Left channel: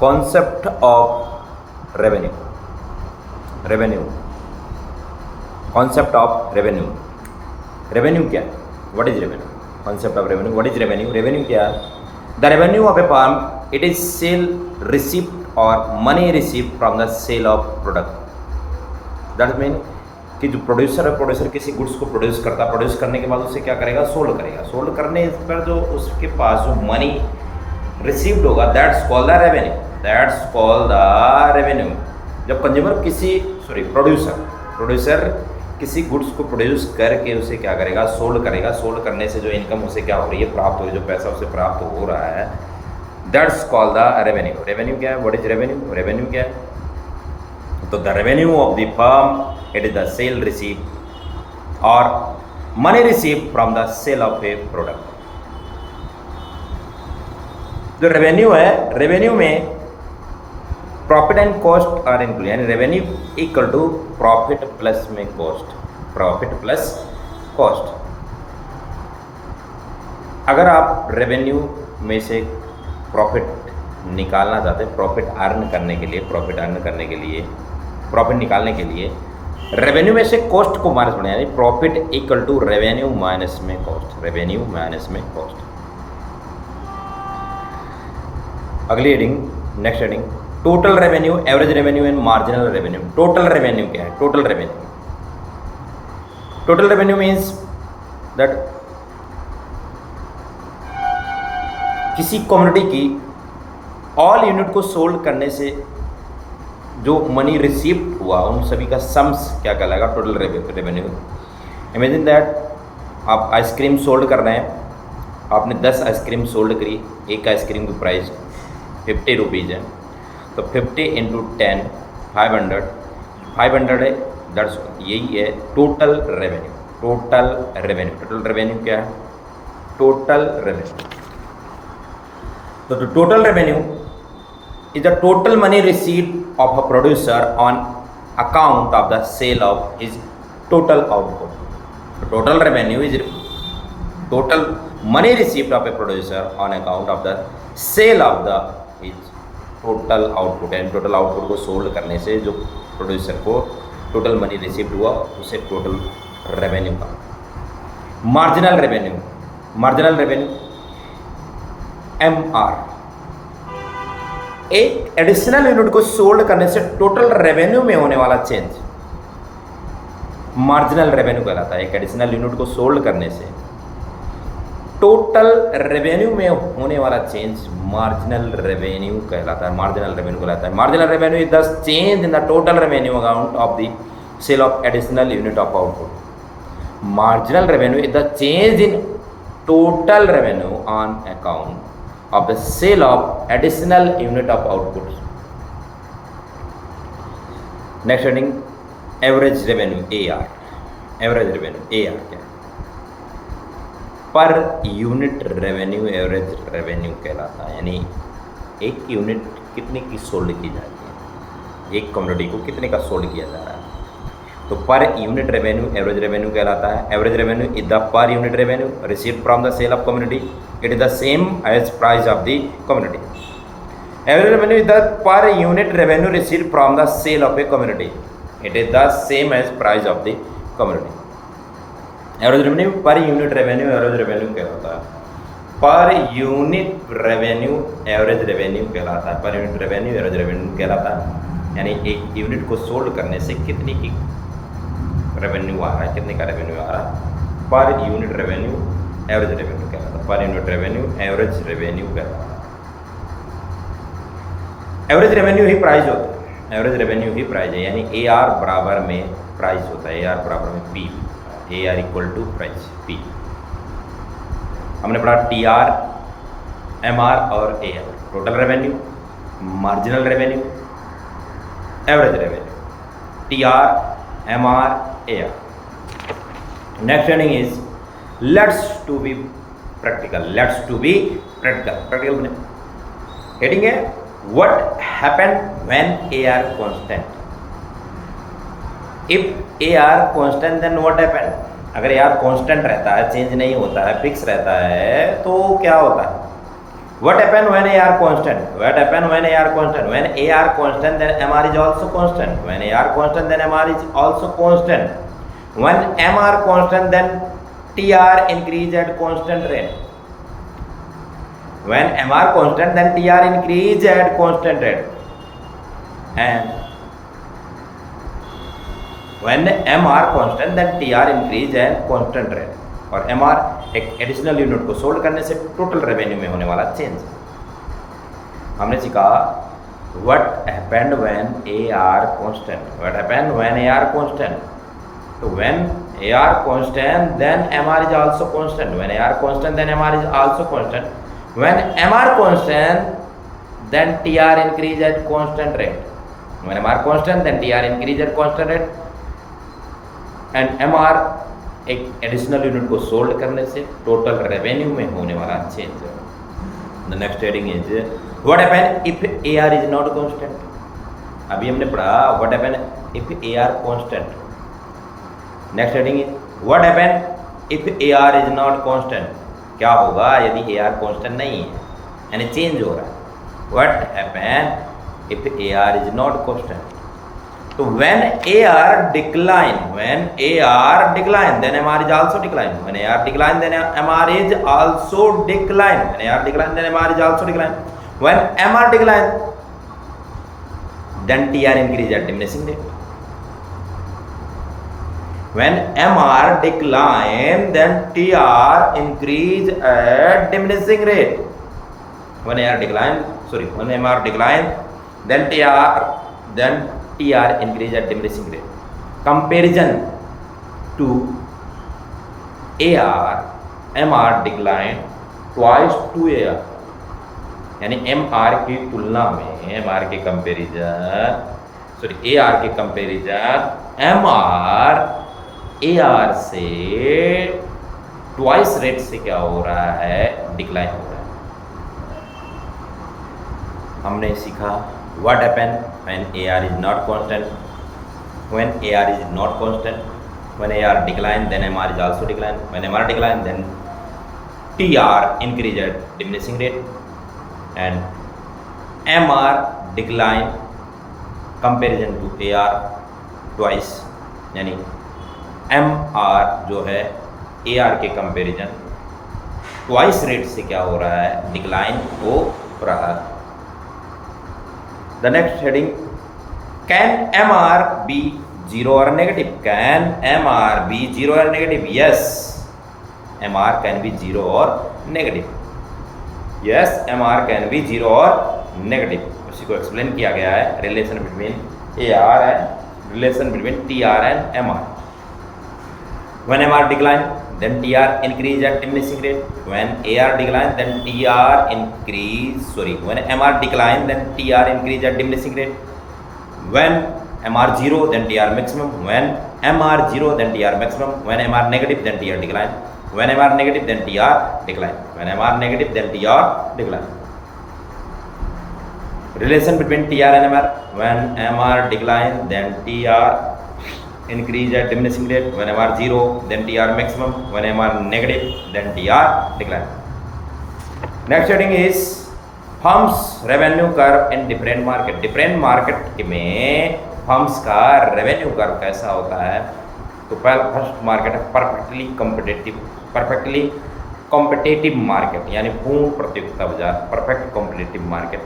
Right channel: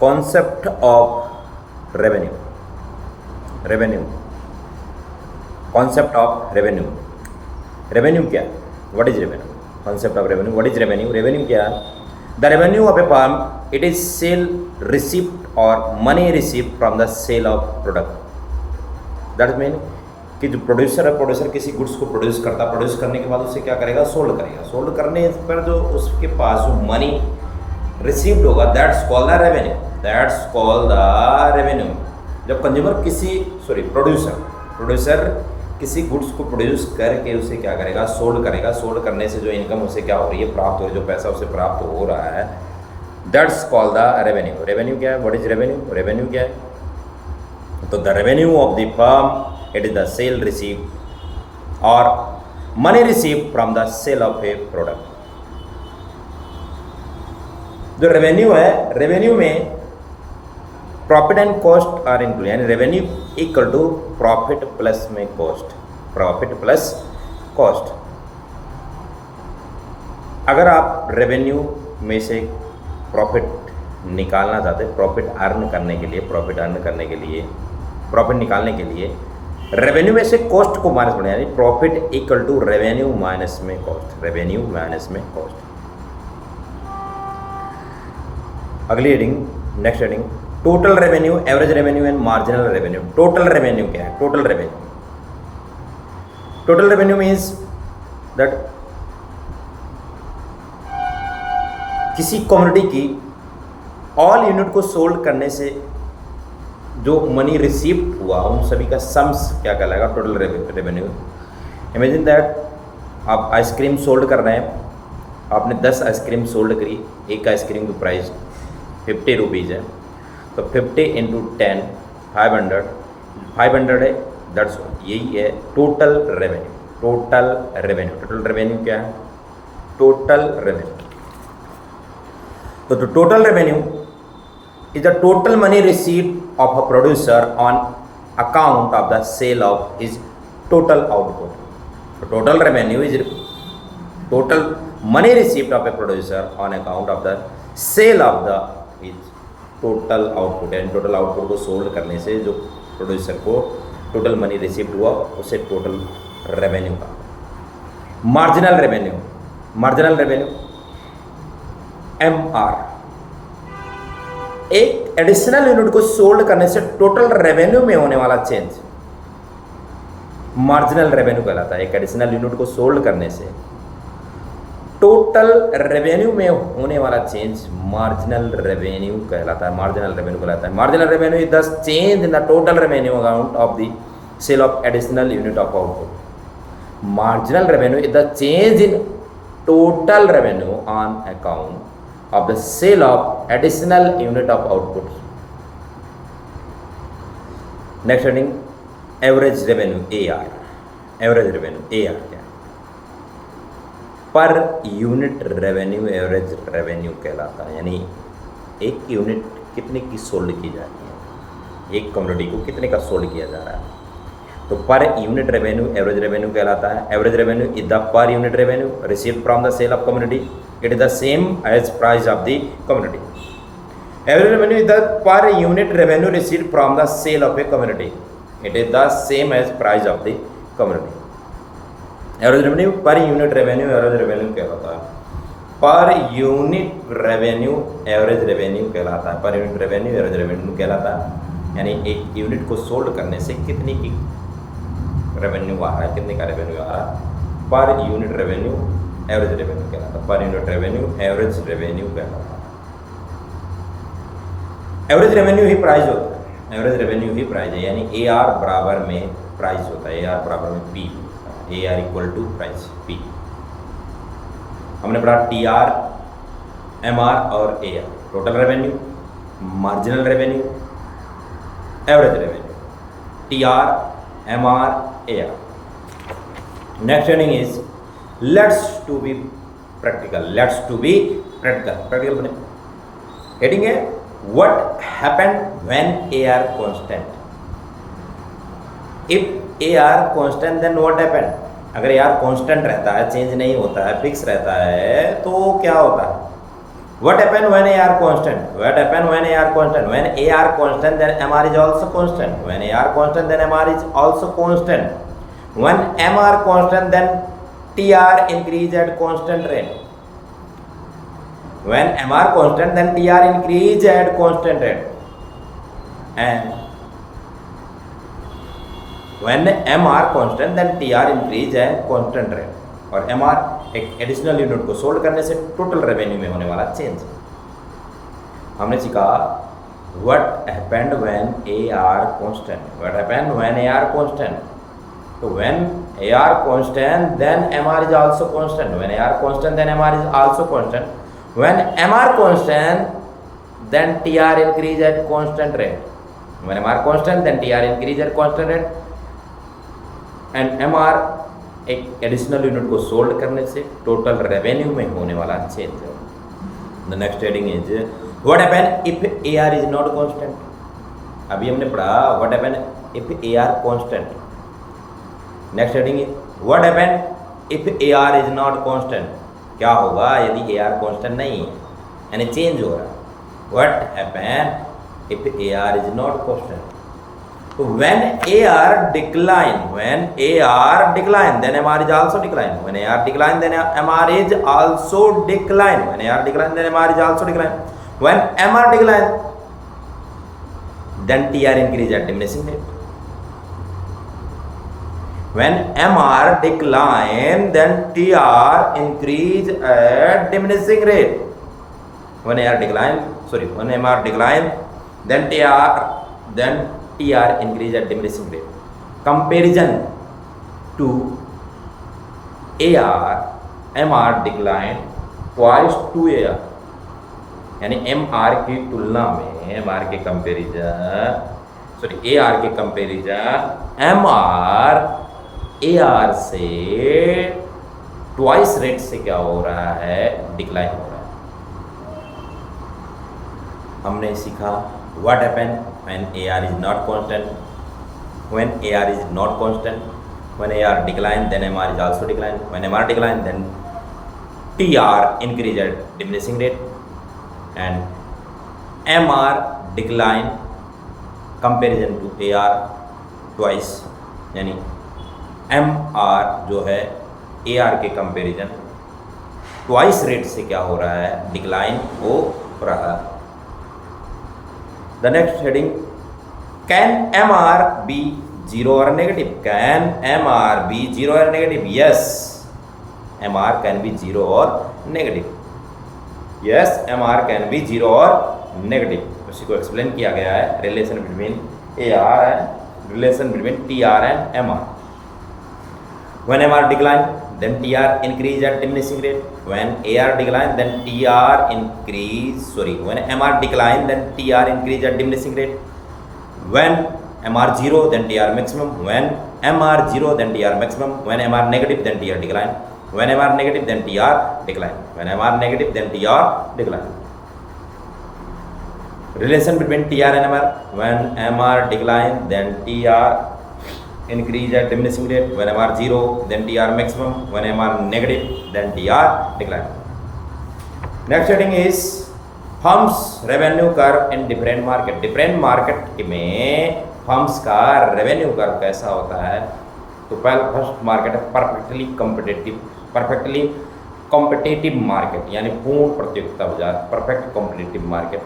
Concept of revenue, revenue, concept of revenue. Revenue क्या है? What is revenue? Concept of revenue, what is revenue? Revenue क्या है? The revenue of a firm, it is sale receipt और money receipt from the sale of product. That mean कि जो producer है, producer किसी goods को produce करता, produce करने के बाद उसे क्या करेगा? सोल्ड करेगा। सोल्ड करने पर जो उसके पास जो मनी रिसीव्ड होगा, that's called the revenue, that's called the revenue. जब कंज्यूमर प्रोड्यूसर किसी गुड्स को प्रोड्यूस करके उसे क्या करेगा? सोल्ड करेगा। सोल्ड करने से जो इनकम उसे क्या हो रही है? प्राप्त हो रही है, जो पैसा उसे प्राप्त हो रहा है, that's called the revenue. Revenue क्या है? What is revenue? रेवेन्यू क्या है? तो the revenue of the firm, it is the sale received और money received from the sale of a product. जो रेवेन्यू है, रेवेन्यू में profit and cost are include, यानी revenue equal to profit plus में cost, profit plus cost. अगर आप revenue में से प्रॉफिट निकालना चाहते हैं, प्रॉफिट अर्न करने के लिए, प्रॉफिट निकालने के लिए रेवेन्यू में से कॉस्ट को माइनस करना, यानी profit equal to revenue minus में कॉस्ट, रेवेन्यू माइनस में कॉस्ट। अगली heading, next heading, total revenue, average revenue and marginal revenue. Total revenue क्या है? Total revenue, total revenue means that किसी कम्युनिटी की ऑल यूनिट को सोल्ड करने से जो मनी रिसीव्ड हुआ, उन सभी का सम्स क्या कहलाएगा? Total revenue. इमेजिन दैट आप आइसक्रीम सोल्ड कर रहे हैं, आपने 10 आइसक्रीम सोल्ड करी, एक आइसक्रीम की प्राइस 50 रुपीज़ है, तो 50 इंटू 10 500 है, दैट्स यही है total revenue. Total revenue, total revenue क्या है? Total revenue. तो total revenue is the total money received of a producer on account of the sale of his total output. So total revenue is total money received of a producer on account of the sale of the his total output, and total output को sold करने से जो producer को total money received हुआ उसे total revenue का। Marginal revenue, marginal revenue MR, एक additional unit को सोल्ड करने से टोटल रेवेन्यू में होने वाला चेंज मार्जिनल रेवेन्यू कहलाता है। एक एडिशनल यूनिट को सोल्ड करने से टोटल रेवेन्यू में होने वाला चेंज मार्जिनल रेवेन्यू कहलाता है, मार्जिनल रेवेन्यू कहलाता है। Marginal revenue is the change in the total revenue account of the sale of additional unit of output. Marginal revenue is the change in total revenue on account of the sale of additional unit of output. Next heading, average revenue AR. Average revenue AR क्या है? पर unit revenue average revenue कहलाता है, यानी एक unit कितने की sold की जा रही है, एक कम्युनिटी को कितने का सोल्ड किया जा रहा है, तो पर यूनिट रेवेन्यू एवरेज रेवेन्यू कहलाता है। Average revenue is the per unit revenue received from the sale of community, it is the same as price of the community. Average revenue is the per unit revenue received from the sale of a community, it is the same as price of the community. Average revenue per unit revenue average revenue कहलाता है, पर unit revenue average revenue कहलाता है, पर unit revenue average revenue कहलाता है। यानी एक यूनिट को सोल्ड करने से कितने की रेवेन्यू आ रहा है, कितने का रेवेन्यू आ रहा है, पर यूनिट रेवेन्यू एवरेज रेवेन्यू कहलाता है, पर यूनिट रेवेन्यू एवरेज रेवेन्यू कहलाता है। एवरेज रेवेन्यू ही प्राइस होता है, एवरेज रेवेन्यू ही प्राइस है, यानी AR बराबर में प्राइस होता है, AR बराबर में P होता है, AR equal to price P। हमने पढ़ा TR, MR और AR, total revenue, marginal revenue, average revenue, TR, MR, AR। Next heading is let's to be practical, let's to be practical, practical बने। Heading है what happened when AR constant. If AR constant then what happened. अगर AR constant रहता है, change नहीं होता है, fix रहता है, तो क्या होता है? What happen when AR constant? What happen when AR constant? When AR constant, then MR is also constant. When AR constant, then MR is also constant. When MR constant, then TR increase at constant rate. When MR constant, then TR increase at constant rate. And when MR constant, then TR increase at constant rate. और MR एक additional unit को sold करने से total revenue में होने वाला change. हमने सीखा what happened when AR constant, what happened when AR constant. तो when AR constant then MR is also constant, when AR constant then MR is also constant, when MR constant then TR increase at constant rate, when MR constant then TR increase at constant rate and MR एक additional unit को sold करने से total revenue में होने वाला change है। The next heading is what happen if AR is not constant. अभी हमने पढ़ा what happen if AR constant. Next heading is what happen if AR is not constant. क्या होगा यदि AR कांस्टेंट नहीं है यानी चेंज हो रहा है। What happen if AR is not constant. तो when AR decline, then MR is also decline. When AR decline, then MR is also decline. When AR decline, then MR is also decline. When MR decline, then TR increase at diminishing rate. When MR decline, then TR increase at diminishing rate. When MR decline, then TR increase at diminishing rate. Comparison to AR, MR decline twice to AR. यानी MR की तुलना में MR के comparison AR के comparison MR AR से twice rate से क्या हो रहा है, डिक्लाइन हो रहा है। हमने सीखा what happen when AR is not constant. When AR is not constant, when AR decline, then MR is also decline. When MR decline, then TR increase at diminishing rate and MR decline comparison to AR twice. यानी MR जो है AR के comparison twice rate से क्या हो रहा है, decline हो रहा है। The next heading, can MR be 0 or negative? Can MR be 0 or negative? Yes, MR can be 0 or negative. Yes, MR can be 0 or negative. उसी को एक्सप्लेन किया गया है, relation between AR and relation between TR and MR. When MR decline, then TR increase at diminishing rate. When AR decline, then when MR decline, then TR increase at diminishing rate. When MR 0, then TR maximum. When MR 0, then TR maximum. When MR negative, then TR decline. When MR negative, then TR decline. When MR negative, then TR decline. Relation between TR and MR. When MR decline, then TR increase at diminishing rate. When MR 0, then TR maximum. When MR negative, then TR decline. Next heading is firms revenue curve in different market. Different market में firms का revenue curve कैसा होता है। तो पहला first market है perfectly competitive market, यानी पूर्ण प्रतियोगिता बाजार। परफेक्ट कॉम्पिटेटिव मार्केट,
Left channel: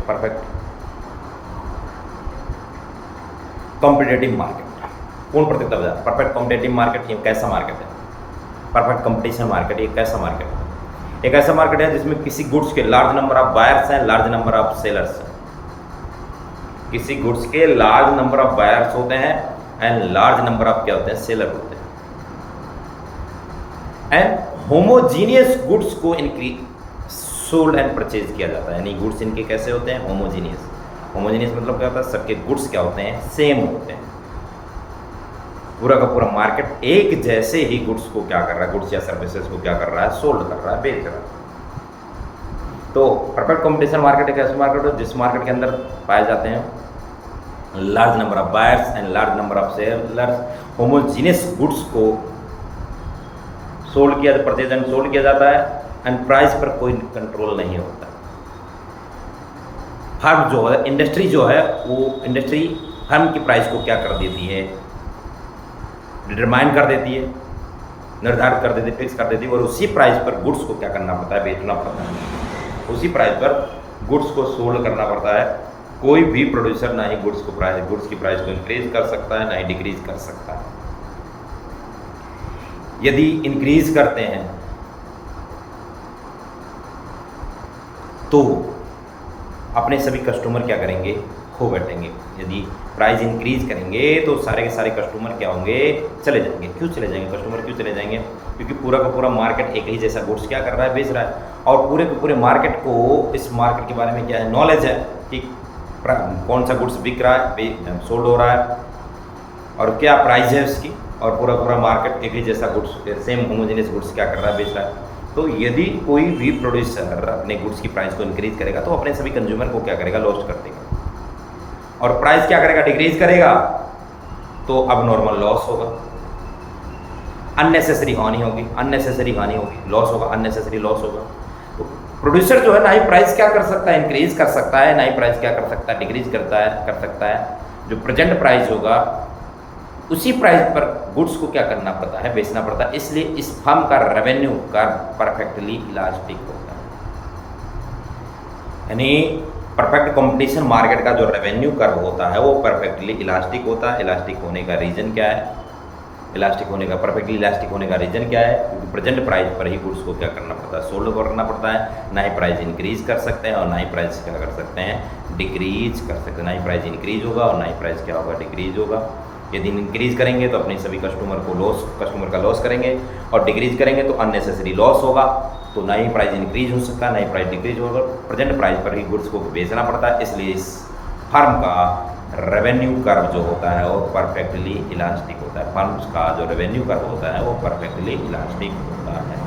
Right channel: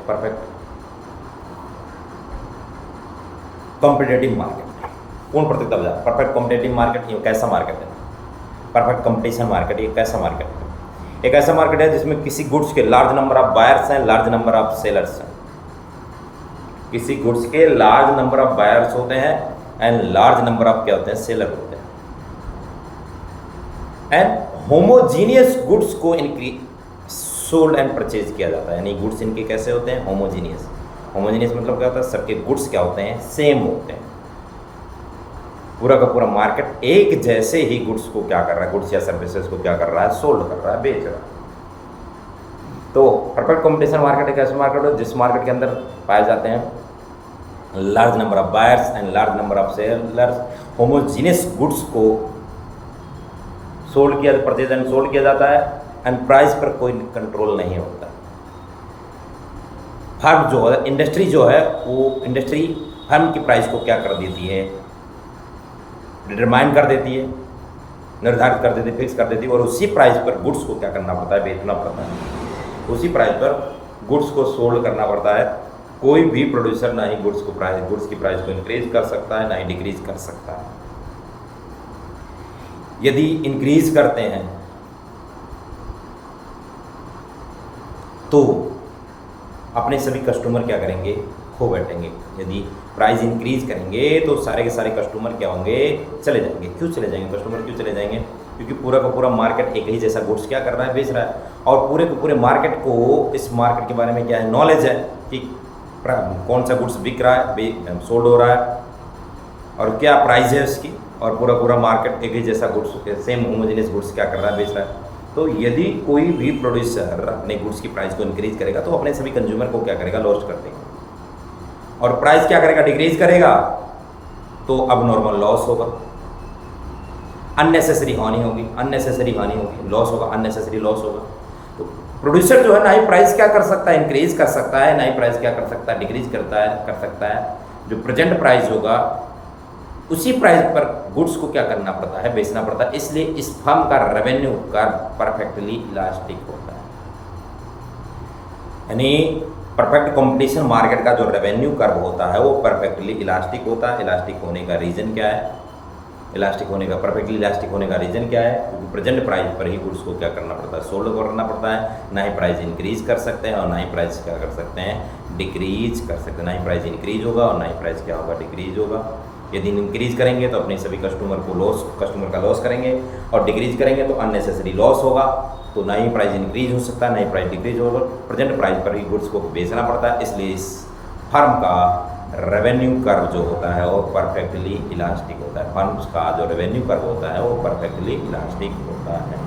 पूर्ण प्रतियोगिता बाजार, परफेक्ट कॉम्पिटेटिव मार्केट। ये कैसा मार्केट है? Perfect competition market. ये कैसा मार्केट है? एक ऐसा मार्केट है जिसमें किसी गुड्स के लार्ज नंबर ऑफ बायर्स हैं, लार्ज नंबर ऑफ सेलर्स हैं। किसी गुड्स के लार्ज नंबर ऑफ बायर्स होते हैं एंड लार्ज नंबर ऑफ क्या होते हैं, सेलर होते हैं। एंड होमोजीनियस गुड्स को इनकी सोल्ड एंड परचेज किया जाता है। यानी गुड्स इनके कैसे होते हैं, होमोजीनियस मतलब क्या होता है, सबके गुड्स क्या होते हैं, सेम होते हैं। पूरा का पूरा मार्केट एक जैसे ही गुड्स को क्या कर रहा है, गुड्स या सर्विसेज को क्या कर रहा है, सोल्ड कर रहा है, बेच रहा है। तो परफेक्ट कॉम्पिटिशन मार्केट एक ऐसा मार्केट है जिस मार्केट के अंदर पाए जाते हैं large number of buyers and large number of sellers. Homogeneous goods को परचेज एंड सोल्ड किया जाता है एंड प्राइस पर कोई कंट्रोल नहीं होता। फर्म जो है, इंडस्ट्री जो है, वो इंडस्ट्री फर्म की प्राइस को क्या कर देती है, डिटरमाइन कर देती है, निर्धारित कर देती है, फिक्स कर देती है, और उसी प्राइस पर गुड्स को क्या करना पड़ता है, बेचना पड़ता है। उसी प्राइस पर गुड्स को सोल्ड करना पड़ता है। कोई भी प्रोड्यूसर ना ही गुड्स की प्राइस को इंक्रीज कर सकता है, ना ही डिक्रीज कर सकता है। यदि इंक्रीज करते हैं तो अपने सभी कस्टमर क्या करेंगे, खो बैठेंगे। यदि प्राइस इंक्रीज करेंगे तो सारे के सारे कस्टमर क्या होंगे, चले जाएंगे। क्यों चले जाएंगे कस्टमर, क्यों चले जाएंगे? क्योंकि पूरा का पूरा मार्केट एक ही जैसा गुड्स क्या कर रहा है, बेच रहा है, और पूरे के पूरे मार्केट को, इस मार्केट के बारे में क्या है, नॉलेज है कि कौन सा गुड्स बिक रहा है, सोल्ड हो रहा है, और क्या प्राइस है उसकी, और पूरा पूरा मार्केट एक ही जैसा गुड्स, सेम होमोजेनियस गुड्स क्या कर रहा है, बेच रहा है। तो यदि कोई भी प्रोड्यूसर अपने गुड्स की प्राइस को इंक्रीज करेगा तो अपने सभी कंज्यूमर को क्या करेगा, लॉस्ट कर देगा, और प्राइस क्या करेगा, डिक्रीज करेगा, तो अब नॉर्मल लॉस होगा, अननेसेसरी हानि होगी, लॉस होगा, अननेसेसरी लॉस होगा। तो प्रोड्यूसर जो है ना ही प्राइस क्या कर सकता है, इंक्रीज कर सकता है, ना ही प्राइस क्या कर सकता है, डिक्रीज कर सकता है। जो प्रेजेंट प्राइस होगा उसी प्राइस पर गुड्स को क्या करना पड़ता है, बेचना पड़ता है। इसलिए इस फर्म का रेवेन्यू कर्व परफेक्टली इलास्टिक होता है। यानी परफेक्ट कंपटीशन मार्केट का जो रेवेन्यू कर्व होता है वो परफेक्टली इलास्टिक होता है। इलास्टिक होने का रीज़न क्या है, परफेक्टली इलास्टिक होने का रीज़न क्या है? क्योंकि प्रेजेंट प्राइस पर ही गुड्स को क्या करना पड़ता है, सोल्ड करना पड़ता है। ना ही प्राइस इंक्रीज कर सकते हैं और ना ही प्राइस क्या कर सकते हैं, डिक्रीज कर सकते हैं। ना ही प्राइस इंक्रीज होगा और ना ही प्राइस क्या होगा, डिक्रीज होगा। यदि इंक्रीज करेंगे तो अपने सभी कस्टमर का लॉस करेंगे, और डिक्रीज करेंगे तो अननेसेसरी लॉस होगा। तो ना ही प्राइस इंक्रीज हो सकता है, ना ही प्राइस डिक्रीज होगा। प्रेजेंट प्राइस पर ही गुड्स को बेचना पड़ता है। इसलिए इस फर्म का रेवेन्यू कर्व जो होता है वो परफेक्टली इलास्टिक होता है। फर्म्स का जो रेवेन्यू कर्व होता है वो परफेक्टली इलास्टिक होता है।